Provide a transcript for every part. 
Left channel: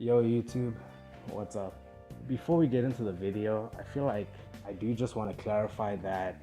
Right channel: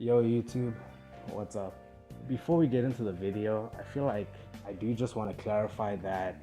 Yo YouTube, what's up? Before we get into the video, I feel like I do just want to clarify that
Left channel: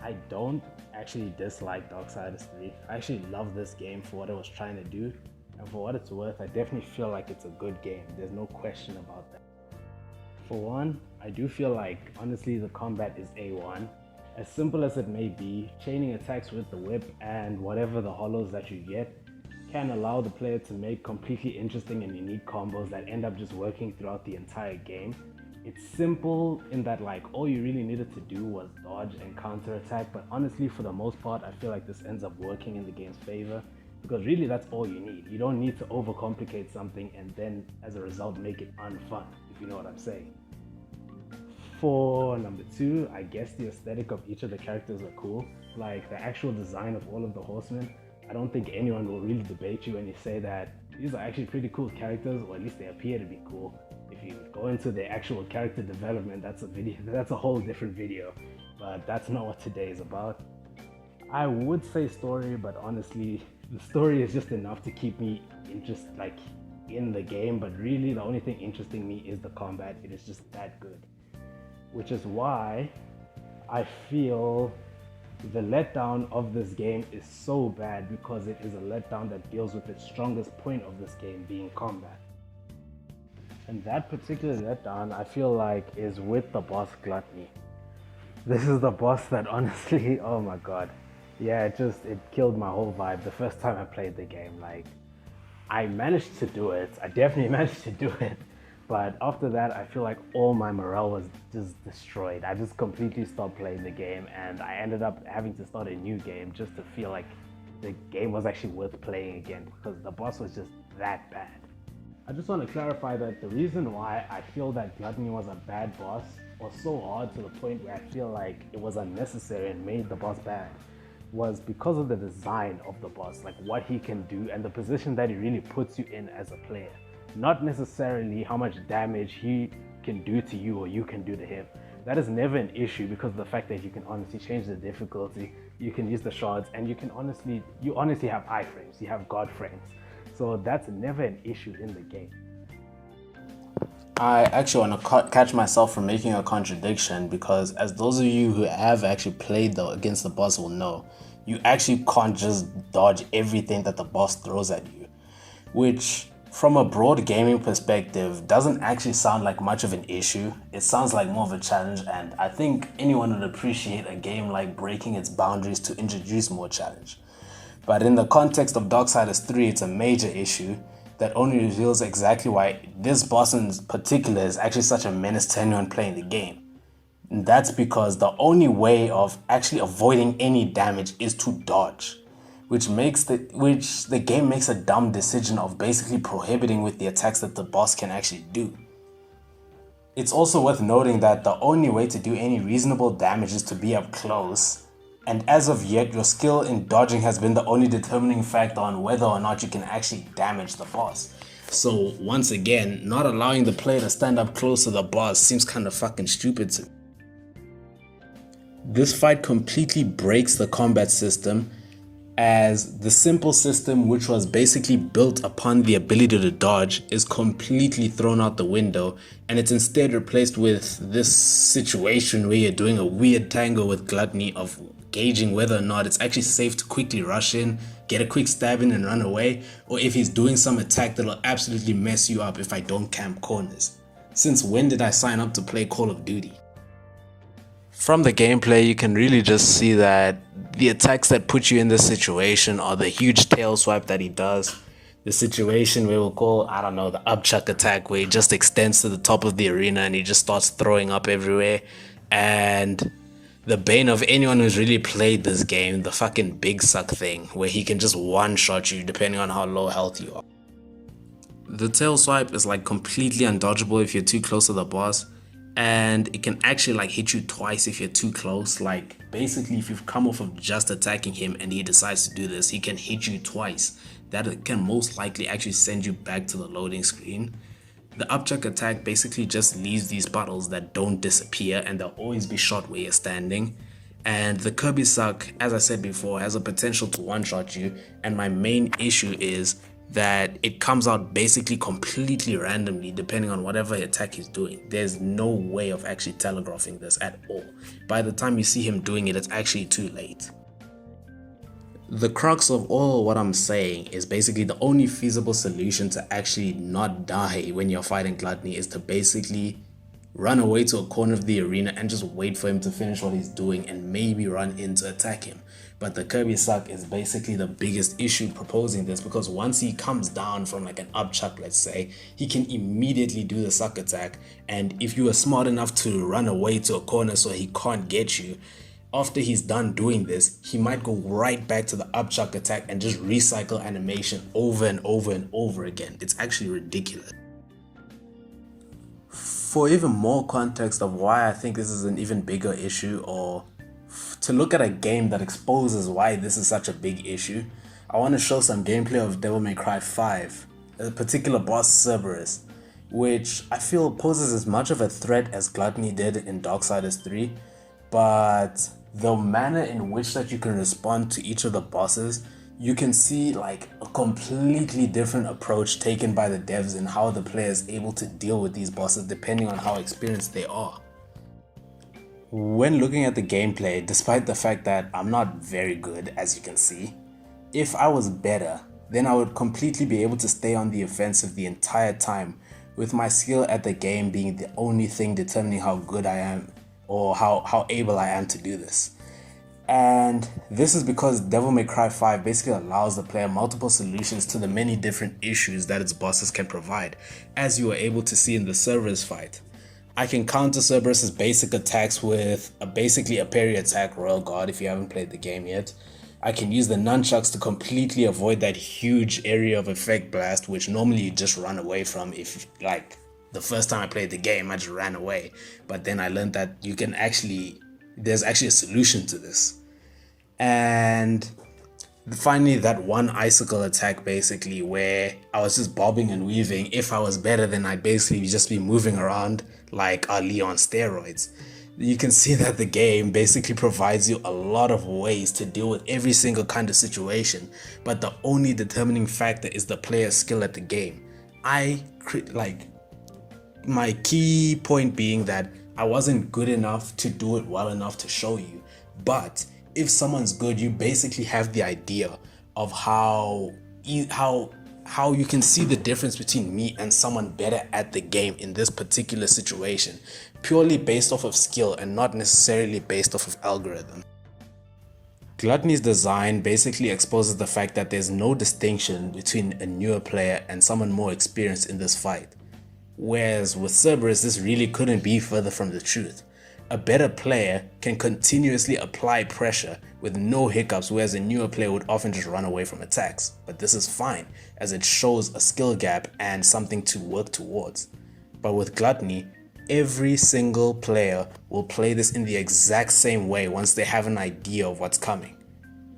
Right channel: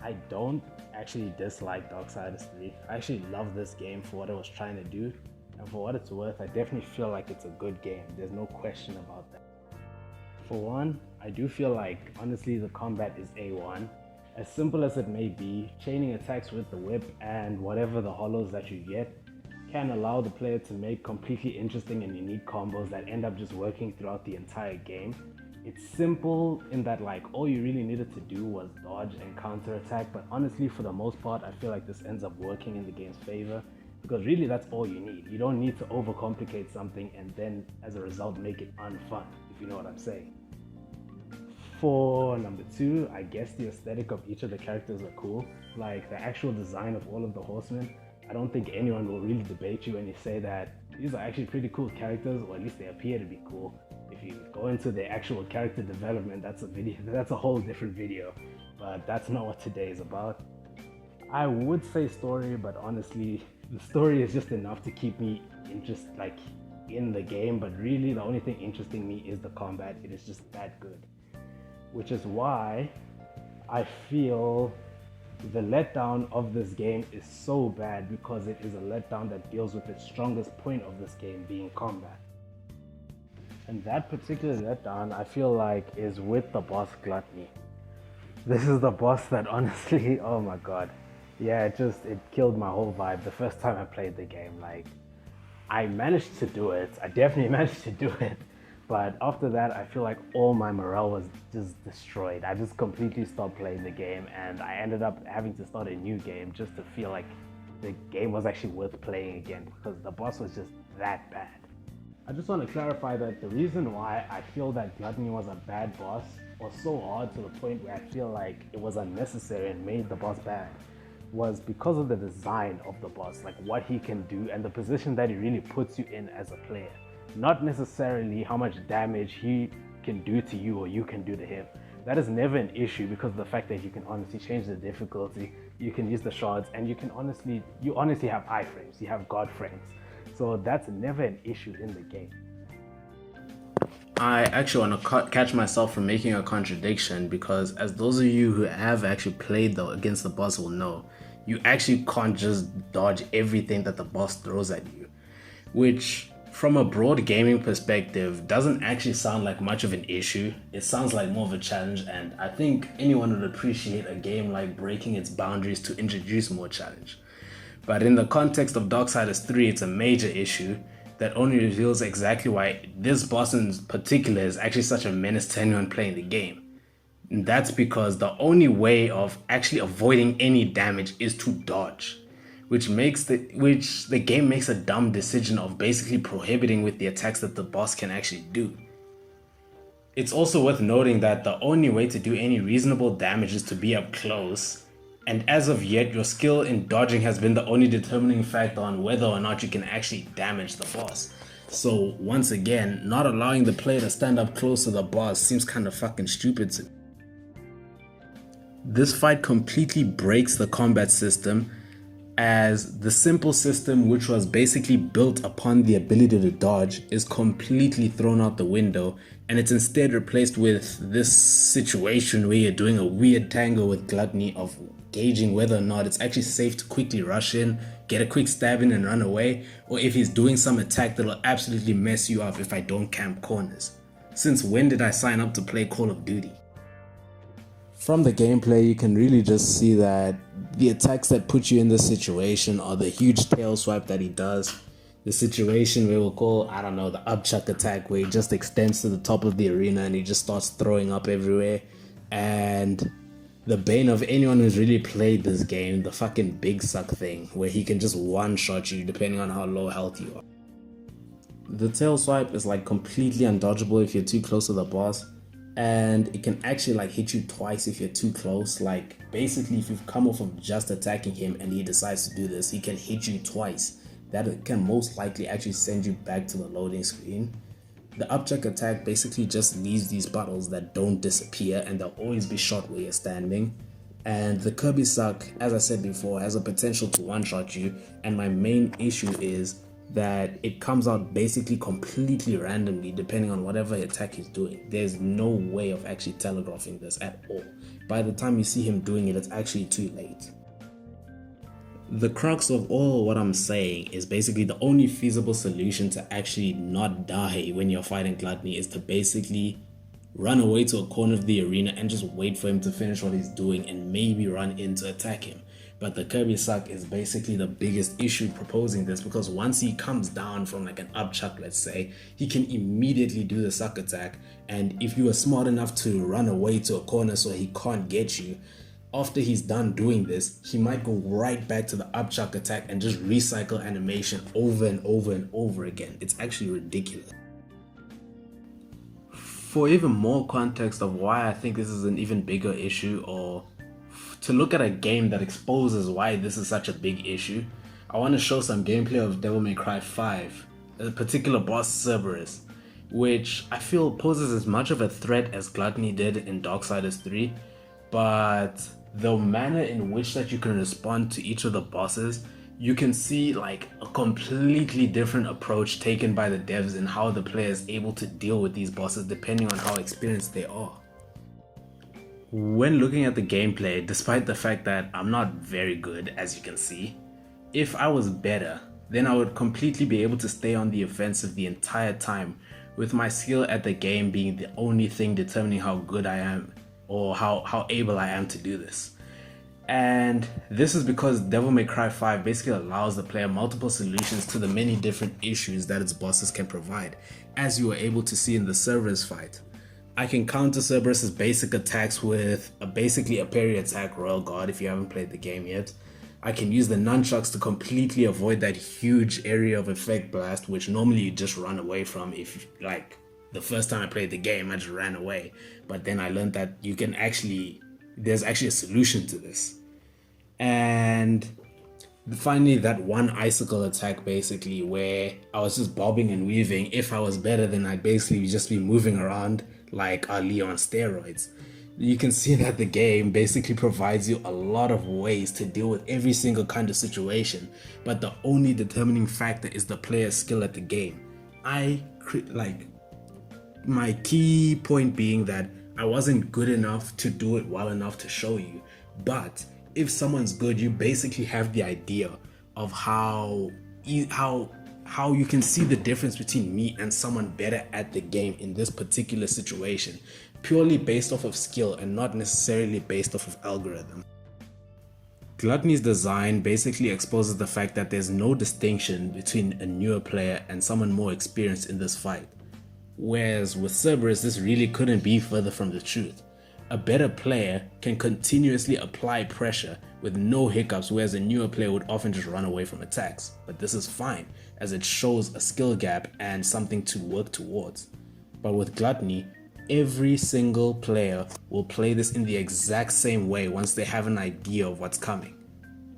I don't actually dislike Darksiders 3. I actually love this game for what it was trying to do, and for what it's worth, I definitely feel like it's a good game. There's no question about that. For one, I do feel like honestly the combat is A1. As simple as it may be, chaining attacks with the whip and whatever the hollows that you get can allow the player to make completely interesting and unique combos that end up just working throughout the entire game. It's simple in that like all you really needed to do was dodge and counter attack, but honestly for the most part I feel like this ends up working in the game's favor because really that's all you need. You don't need to overcomplicate something and then as a result make it unfun, if you know what I'm saying. For number two, I guess the aesthetic of each of the characters are cool. Like the actual design of all of the horsemen, I don't think anyone will really debate you when you say that these are actually pretty cool characters, or at least they appear to be cool. If you go into the actual character development, that's a whole different video, but that's not what today is about. I would say story, but honestly, the story is just enough to keep me in the game, but really the only thing interesting me is the combat. It is just that good. Which is why I feel the letdown of this game is so bad, because it is a letdown that deals with its strongest point of this game being combat. And that particular letdown I feel like is with the boss Gluttony. This is the boss that honestly, oh my god. Yeah, it killed my whole vibe the first time I played the game. Like, I managed to do it. I definitely managed to do it. But after that, I feel like all my morale was just destroyed. I just completely stopped playing the game and I ended up having to start a new game just to feel like the game was actually worth playing again, because the boss was just that bad. I just want to clarify that the reason why I feel that Gluttony was a bad boss, or so hard to the point where I feel like it was unnecessary and made the boss bad, was because of the design of the boss, like what he can do and the position that he really puts you in as a player. Not necessarily how much damage he can do to you or you can do to him. That is never an issue because of the fact that you can honestly change the difficulty, you can use the shards, and you honestly have iframes, you have god frames. So that's never an issue in the game. I actually want to catch myself from making a contradiction, because as those of you who have actually played against the boss will know, you actually can't just dodge everything that the boss throws at you, which from a broad gaming perspective doesn't actually sound like much of an issue. It sounds like more of a challenge, and I think anyone would appreciate a game like breaking its boundaries to introduce more challenge. But in the context of Darksiders 3, it's a major issue that only reveals exactly why this boss in particular is actually such a menace to anyone playing the game. And that's because the only way of actually avoiding any damage is to dodge, which the game makes a dumb decision of basically prohibiting with the attacks that the boss can actually do. It's also worth noting that the only way to do any reasonable damage is to be up close, and as of yet your skill in dodging has been the only determining factor on whether or not you can actually damage the boss. So once again, not allowing the player to stand up close to the boss seems kind of fucking stupid to me. This fight completely breaks the combat system, as the simple system, which was basically built upon the ability to dodge, is completely thrown out the window, and it's instead replaced with this situation where you're doing a weird tango with Gluttony of gauging whether or not it's actually safe to quickly rush in, get a quick stab in and run away, or if he's doing some attack that'll absolutely mess you up if I don't camp corners. Since when did I sign up to play Call of Duty? From the gameplay, you can really just see that the attacks that put you in this situation are the huge tail swipe that he does, the situation where we'll call, I don't know, the upchuck attack, where he just extends to the top of the arena and he just starts throwing up everywhere, and the bane of anyone who's really played this game, the fucking big suck thing, where he can just one-shot you depending on how low health you are. The tail swipe is like completely undodgeable if you're too close to the boss, and it can actually like hit you twice if you're too close. Like basically if you've come off of just attacking him and he decides to do this, he can hit you twice. That can most likely actually send you back to the loading screen. The upchuck attack basically just leaves these puddles that don't disappear, and they'll always be shot where you're standing. And the Kirby suck, as I said before, has a potential to one-shot you, and my main issue is that it comes out basically completely randomly depending on whatever attack he's doing. There's no way of actually telegraphing this at all. By the time you see him doing it, it's actually too late. The crux of all what I'm saying is basically the only feasible solution to actually not die when you're fighting Gluttony is to basically run away to a corner of the arena and just wait for him to finish what he's doing and maybe run in to attack him. But the Kirby suck is basically the biggest issue proposing this, because once he comes down from like an up chuck, let's say, he can immediately do the suck attack, and if you are smart enough to run away to a corner so he can't get you, after he's done doing this, he might go right back to the up chuck attack and just recycle animation over and over and over again. It's actually ridiculous. For even more context of why I think this is an even bigger issue, or to look at a game that exposes why this is such a big issue, I want to show some gameplay of Devil May Cry 5, a particular boss Cerberus, which I feel poses as much of a threat as Gluttony did in Darksiders 3, but the manner in which that you can respond to each of the bosses, you can see like a completely different approach taken by the devs and how the player is able to deal with these bosses depending on how experienced they are. When looking at the gameplay, despite the fact that I'm not very good, as you can see, if I was better, then I would completely be able to stay on the offensive the entire time, with my skill at the game being the only thing determining how good I am or how able I am to do this. And this is because Devil May Cry 5 basically allows the player multiple solutions to the many different issues that its bosses can provide, as you are able to see in the Cerberus fight. I can counter Cerberus's basic attacks with basically a parry attack, Royal Guard, if you haven't played the game yet. I can use the nunchucks to completely avoid that huge area of effect blast, which normally you just run away from. If like the first time I played the game, I just ran away. But then I learned that you can there's actually a solution to this. And finally, that one icicle attack basically, where I was just bobbing and weaving. If I was better, then I'd basically just be moving around like Ali on steroids. You can see that the game basically provides you a lot of ways to deal with every single kind of situation, but the only determining factor is the player's skill at the game. My key point being that I wasn't good enough to do it well enough to show you, but if someone's good, you basically have the idea of how you can see the difference between me and someone better at the game in this particular situation, purely based off of skill and not necessarily based off of algorithm. Gluttony's design basically exposes the fact that there's no distinction between a newer player and someone more experienced in this fight. Whereas with Cerberus, this really couldn't be further from the truth. A better player can continuously apply pressure with no hiccups, whereas a newer player would often just run away from attacks. But this is fine, as it shows a skill gap and something to work towards. But with Gluttony, every single player will play this in the exact same way once they have an idea of what's coming.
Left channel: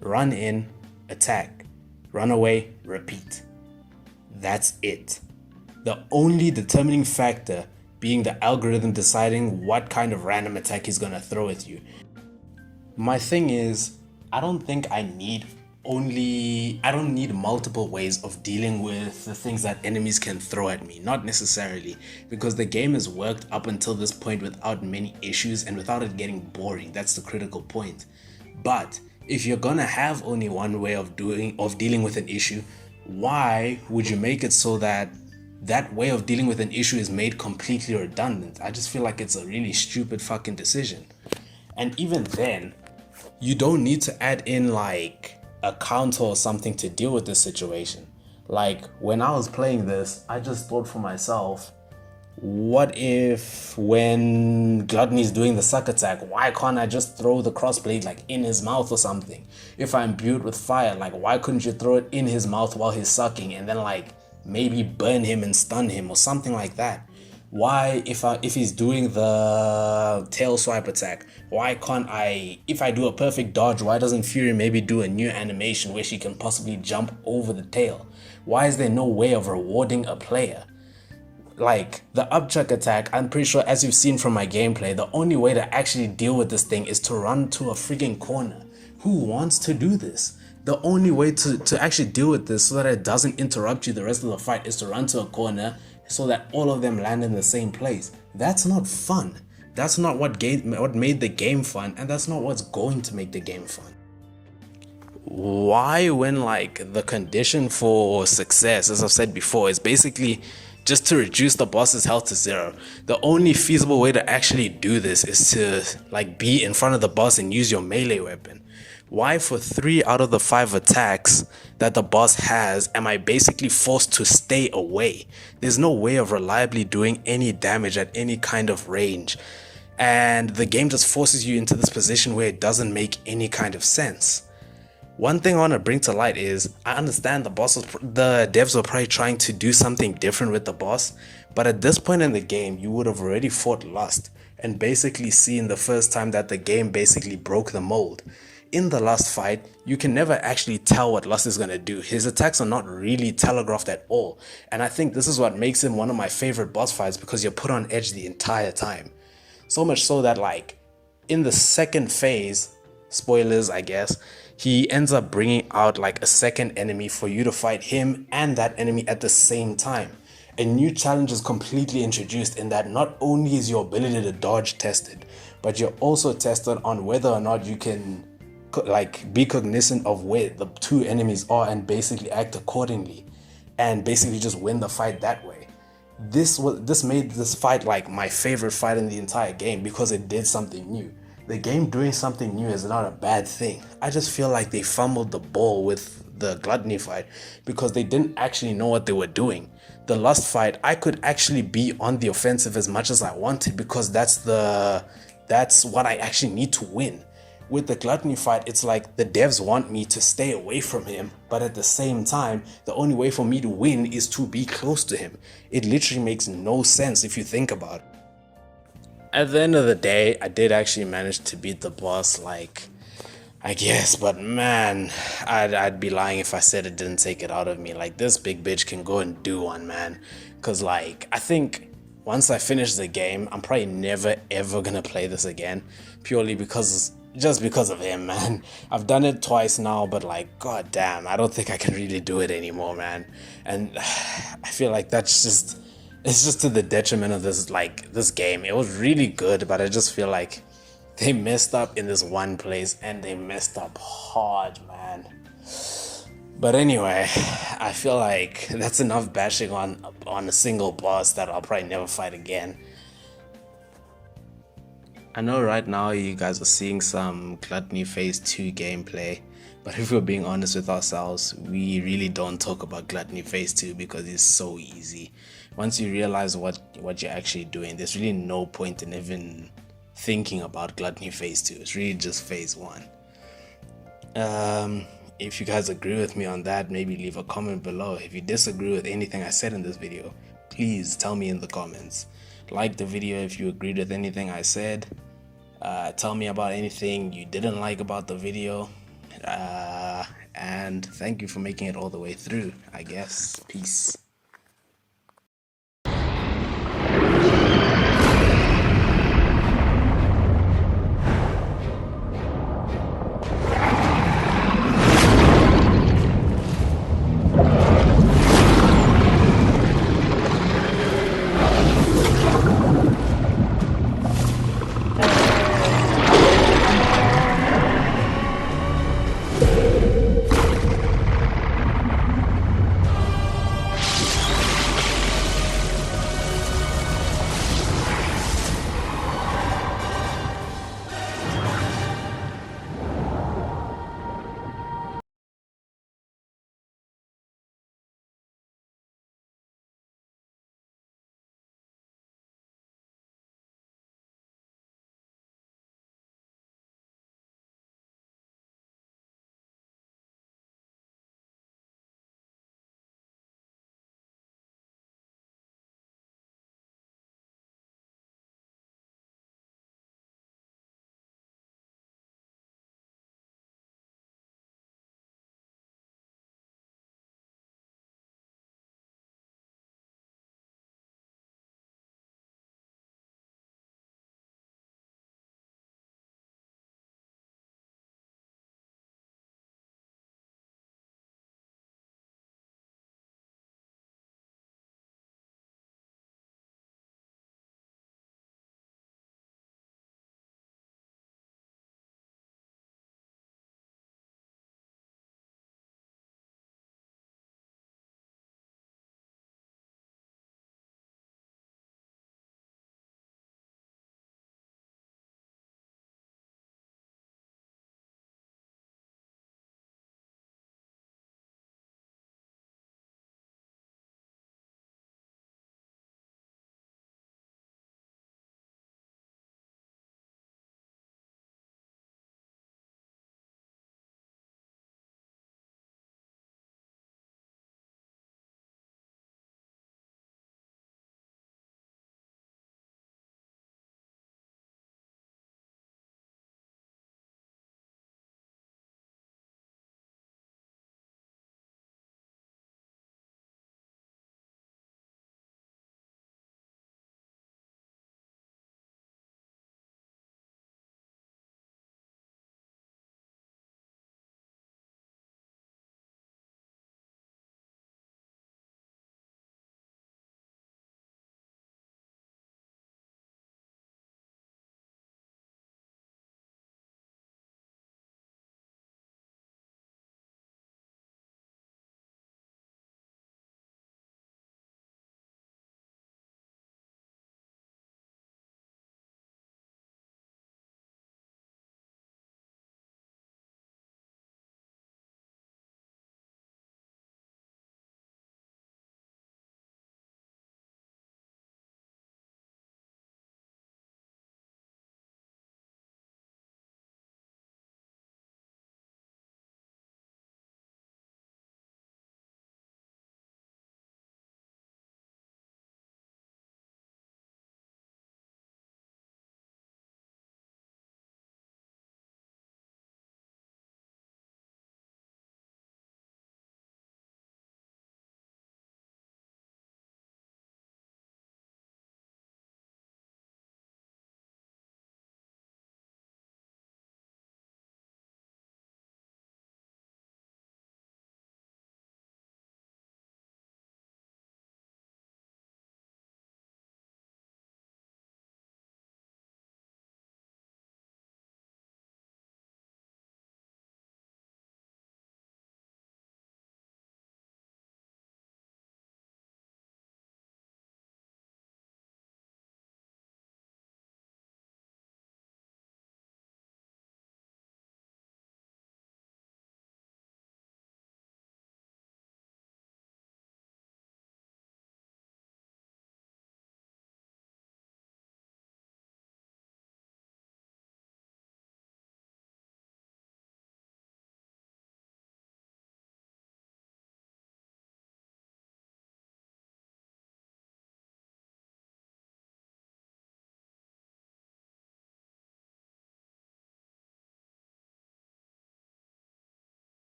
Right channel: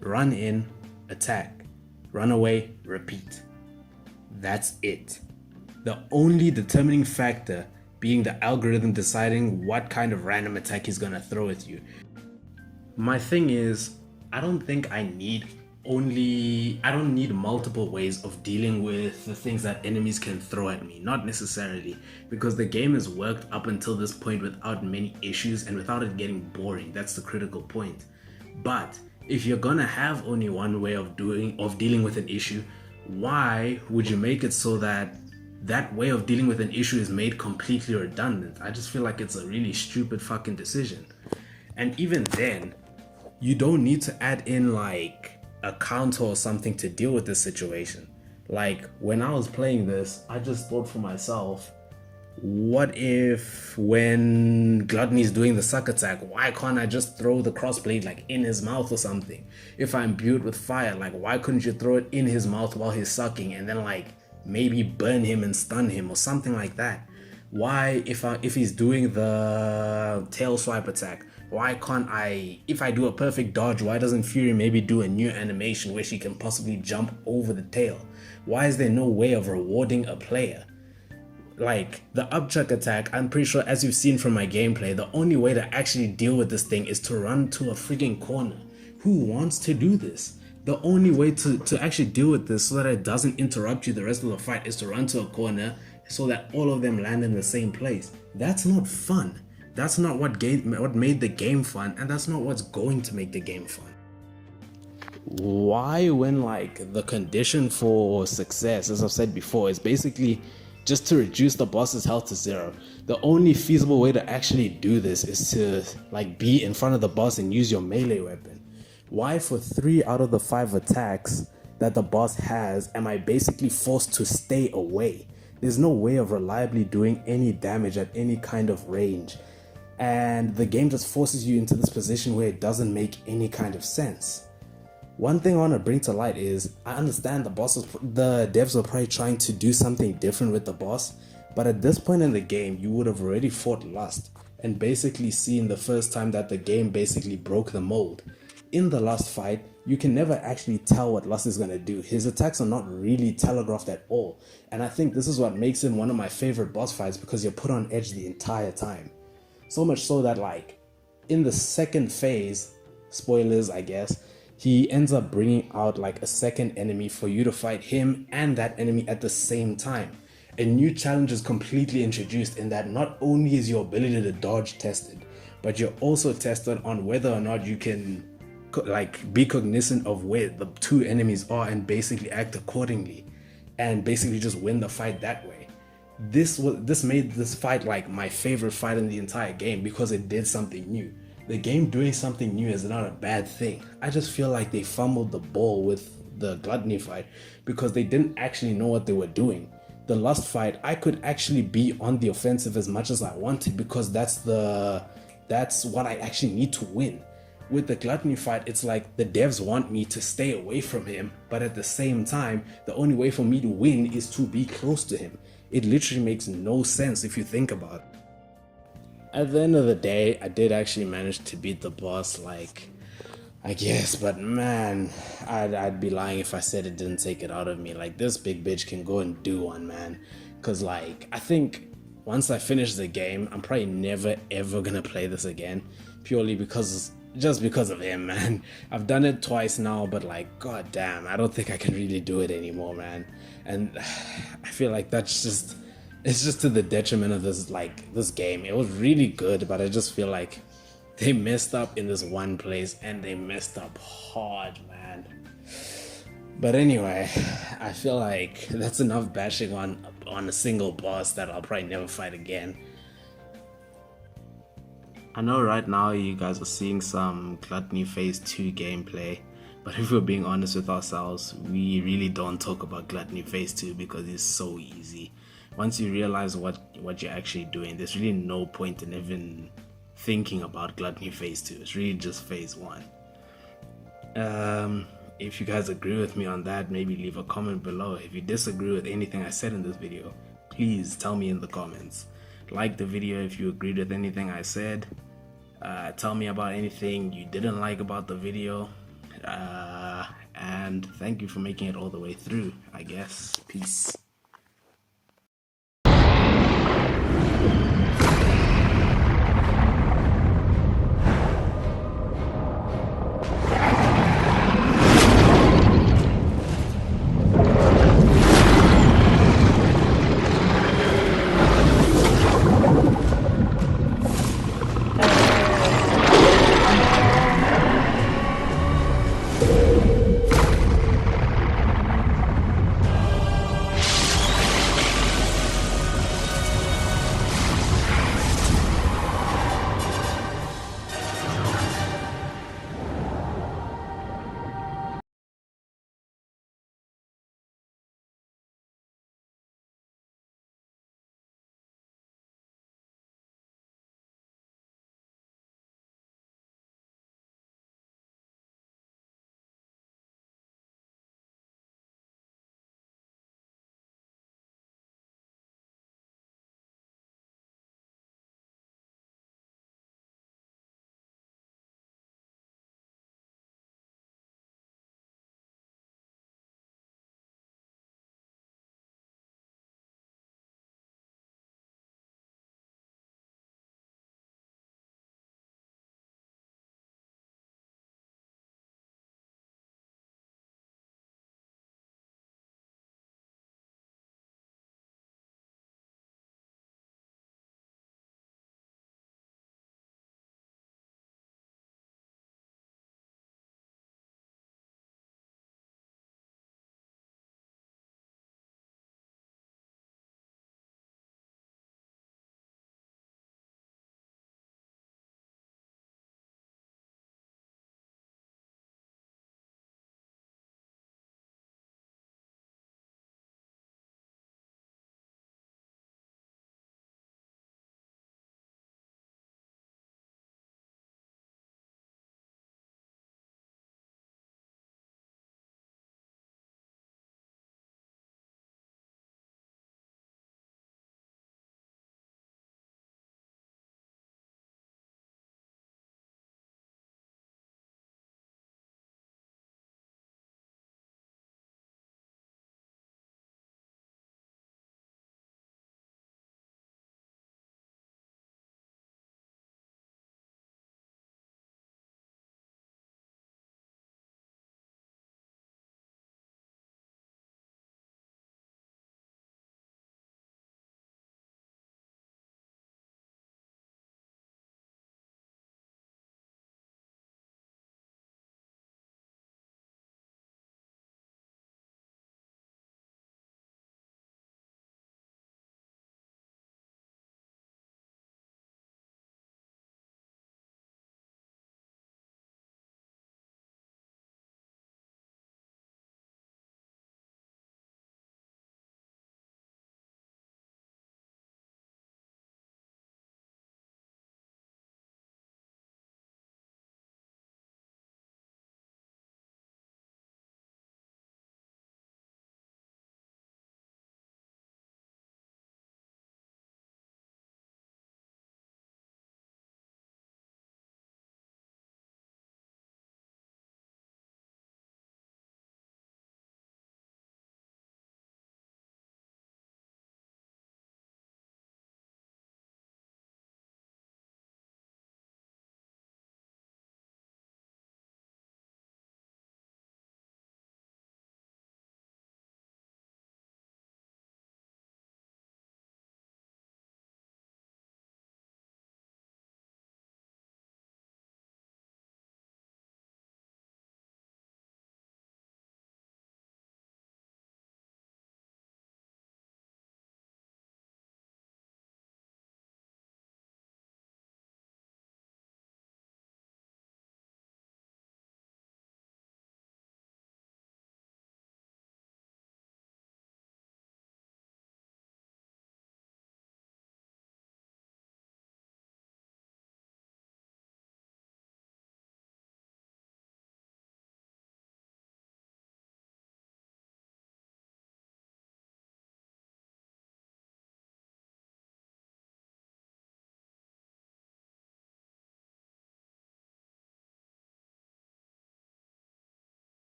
Run in, attack. Run away, repeat. That's it. The only determining factor being the algorithm deciding what kind of random attack he's gonna throw at you. My thing is, I don't think I don't need multiple ways of dealing with the things that enemies can throw at me. Not necessarily, because the game has worked up until this point without many issues and without it getting boring. That's the critical point. But if you're gonna have only one way of dealing with an issue, why would you make it so that way of dealing with an issue is made completely redundant? I just feel like it's a really stupid fucking decision. And even then, you don't need to add in like a counter or something to deal with this situation. Like when I was playing this, I just thought for myself, what if when Gluttony's doing the suck attack, why can't I just throw the crossblade like in his mouth or something? If I'm imbued with fire, like why couldn't you throw it in his mouth while he's sucking and then like maybe burn him and stun him or something like that? Why, if he's doing the tail swipe attack, why can't if I do a perfect dodge, why doesn't Fury maybe do a new animation where she can possibly jump over the tail? Why is there no way of rewarding a player? Like the upchuck attack, I'm pretty sure, as you've seen from my gameplay, the only way to actually deal with this thing is to run to a freaking corner. Who wants to do this? The only way to actually deal with this so that it doesn't interrupt you the rest of the fight is to run to a corner so that all of them land in the same place. That's not fun. That's not what made the game fun, and that's not what's going to make the game fun. Why, when like the condition for success, as I've said before, is basically just to reduce the boss's health to 0. The only feasible way to actually do this is to like be in front of the boss and use your melee weapon. Why for 3 out of the 5 attacks that the boss has am I basically forced to stay away? There's no way of reliably doing any damage at any kind of range, and the game just forces you into this position where it doesn't make any kind of sense. One thing I want to bring to light is I understand the devs were probably trying to do something different with the boss, but at this point in the game you would have already fought Lust and basically seen the first time that the game basically broke the mold. In the last fight, you can never actually tell what Lust is going to do. His attacks are not really telegraphed at all, and I think this is what makes him one of my favorite boss fights, because you're put on edge the entire time. So much so that like in the second phase, spoilers I guess, he ends up bringing out like a second enemy for you to fight him and that enemy at the same time. A new challenge is completely introduced in that not only is your ability to dodge tested, but you're also tested on whether or not you can like be cognizant of where the 2 enemies are and basically act accordingly and basically just win the fight that way. This made this fight like my favorite fight in the entire game because it did something new. The game doing something new is not a bad thing. I just feel like they fumbled the ball with the Gluttony fight because they didn't actually know what they were doing. The Lust fight, I could actually be on the offensive as much as I wanted because that's what I actually need to win. With the Gluttony fight, it's like the devs want me to stay away from him, but at the same time, the only way for me to win is to be close to him. It literally makes no sense if you think about it. At the end of the day, I did actually manage to beat the boss, like, I guess, but man, I'd be lying if I said it didn't take it out of me. Like, this big bitch can go and do one, man. Cause like, I think once I finish the game, I'm probably never ever gonna play this again, purely just because of him, man. I've done it twice now, but like, god damn, I don't think I can really do it anymore, man. And I feel like it's just to the detriment of this game. It was really good, but I just feel like they messed up in this one place, and they messed up hard, man. But anyway, I feel like that's enough bashing on a single boss that I'll probably never fight again. I know right now you guys are seeing some Gluttony Phase 2 gameplay, but if we're being honest with ourselves, we really don't talk about Gluttony Phase 2 because it's so easy. Once you realize what you're actually doing, there's really no point in even thinking about Gluttony Phase 2. It's really just Phase 1. If you guys agree with me on that, maybe leave a comment below. If you disagree with anything I said in this video, please tell me in the comments. Like the video if you agreed with anything I said. Tell me about anything you didn't like about the video. And thank you for making it all the way through, I guess. Peace.